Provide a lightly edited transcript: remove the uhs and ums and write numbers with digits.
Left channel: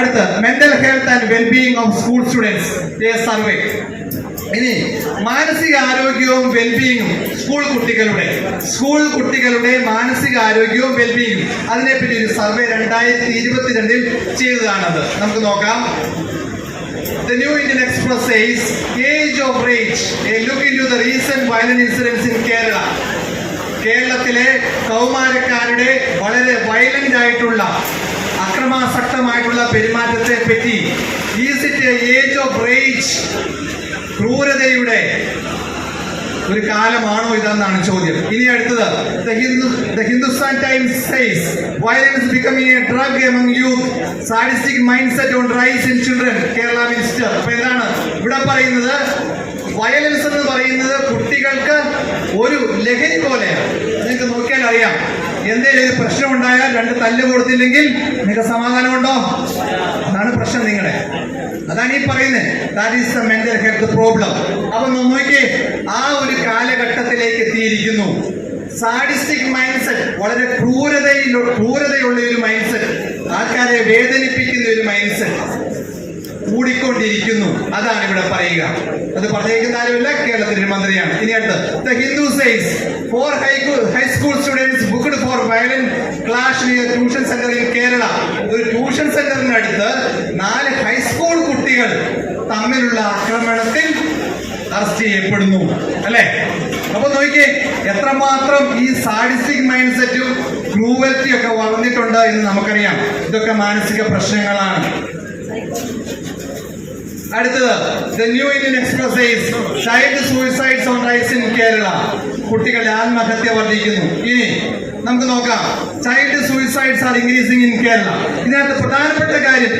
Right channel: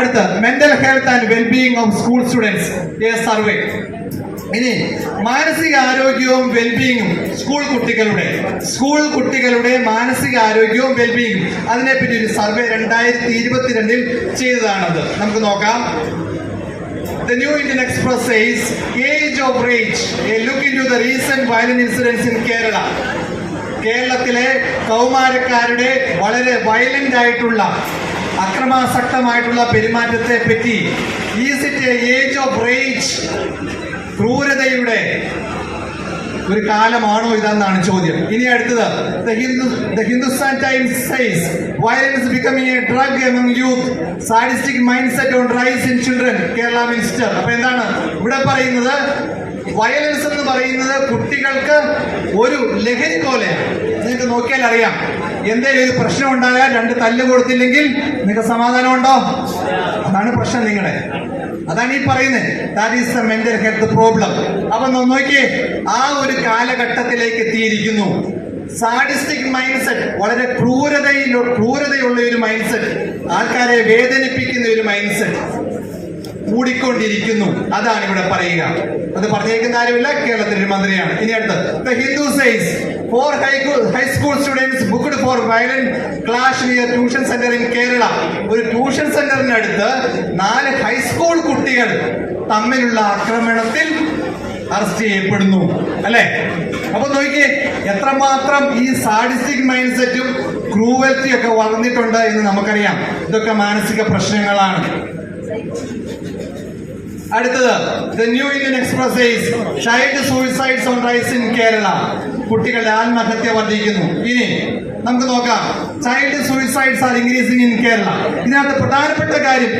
അടുത്ത mental health and wellbeing of school students survey. ഇനി മാനസികാരോഗ്യവും വെൽബീയിങ്ങും school കുട്ടികളുടെ മാനസികാരോഗ്യവും വെൽബീയിങ്ങും അതിനെപ്പറ്റി ഒരു സർവേ 2022 ചെയ്തതാണത്. നമുക്ക് നോക്കാം. The New Indian Express says Age of Rage, a look into the recent violent incidents in Kerala. കേരളത്തിലെ കൗമാരക്കാരുടെ വളരെ വയലന്റ് ആയിട്ടുള്ള അക്രമാസക്തമായിട്ടുള്ള പെരുമാറ്റത്തെ പറ്റി is it age of rage, ക്രൂരതയുടെ ഒരു കാലമാണോ ഇതെന്നാണ് ചോദ്യം. ഇനി അടുത്തത് The Hindustan Times says violence becoming a drug among youth, sadistic mindset on rise in children, Kerala Minister. അപ്പൊ എന്താണ് ഇവിടെ പറയുന്നത്? വയലൻസ് എന്ന് പറയുന്നത് കുട്ടികൾക്ക് ഒരു ലഹരി പോലെയാണ്. നിങ്ങൾക്ക് നോക്കിയാൽ അറിയാം, എന്തെങ്കിലും ഒരു പ്രശ്നം ഉണ്ടായാൽ 2 തല്ല് കൊടുത്തില്ലെങ്കിൽ നിങ്ങൾക്ക് സമാധാനമുണ്ടോ? അതാണ് പ്രശ്നം നിങ്ങളെ. അതാണ് ഈ പറയുന്നത്. That is the mental health problem. അപ്പൊ നോക്കിയേ, ആ ഒരു കാലഘട്ടത്തിലേക്ക് എത്തിയിരിക്കുന്നു. സാഡിസ്റ്റിക് മൈൻഡ് സെറ്റ്, വളരെ ക്രൂരതയുള്ള ഒരു മൈൻഡ് സെറ്റ്, ആൾക്കാരെ വേദനിപ്പിക്കുന്ന ഒരു മൈൻഡ് സെറ്റ് കൂടിക്കൊണ്ടിരിക്കുന്നു. അതാണ് ഇവിടെ പറയുക. അത് പറഞ്ഞേക്കുന്ന ആരുമില്ല, കേരളത്തിന്റെ മന്ത്രിയാണ്. ഇനി അടുത്ത് The Hindu says 4 high school students booked for violent clash near tuition center in Kerala. ഒരു ട്യൂഷൻ സെന്ററിനടുത്ത് 4 ഹൈസ്കൂൾ കുട്ടികൾ തമ്മിലുള്ള ആക്രമണത്തിൽ അറസ്റ്റ് ചെയ്യപ്പെടുന്നു, അല്ലെ? അപ്പൊ നോക്കിയേ, എത്രമാത്രം ഈ സാഡിസ്റ്റിക് മൈൻഡ് സെറ്റും ക്രൂവൽറ്റിയും ഒക്കെ വളർന്നിട്ടുണ്ട് എന്ന് നമുക്കറിയാം. ഇതൊക്കെ മാനസിക പ്രശ്നങ്ങളാണ്. അടുത്തത് The New Indian Express says child suicides on rise in Kerala. കുട്ടികളുടെ ആത്മഹത്യ വർദ്ധിക്കുന്നു. ഇനി നമുക്ക് നോക്കാം, child suicides are increasing in Kerala. ഇതിനകത്ത് പ്രധാനപ്പെട്ട കാര്യം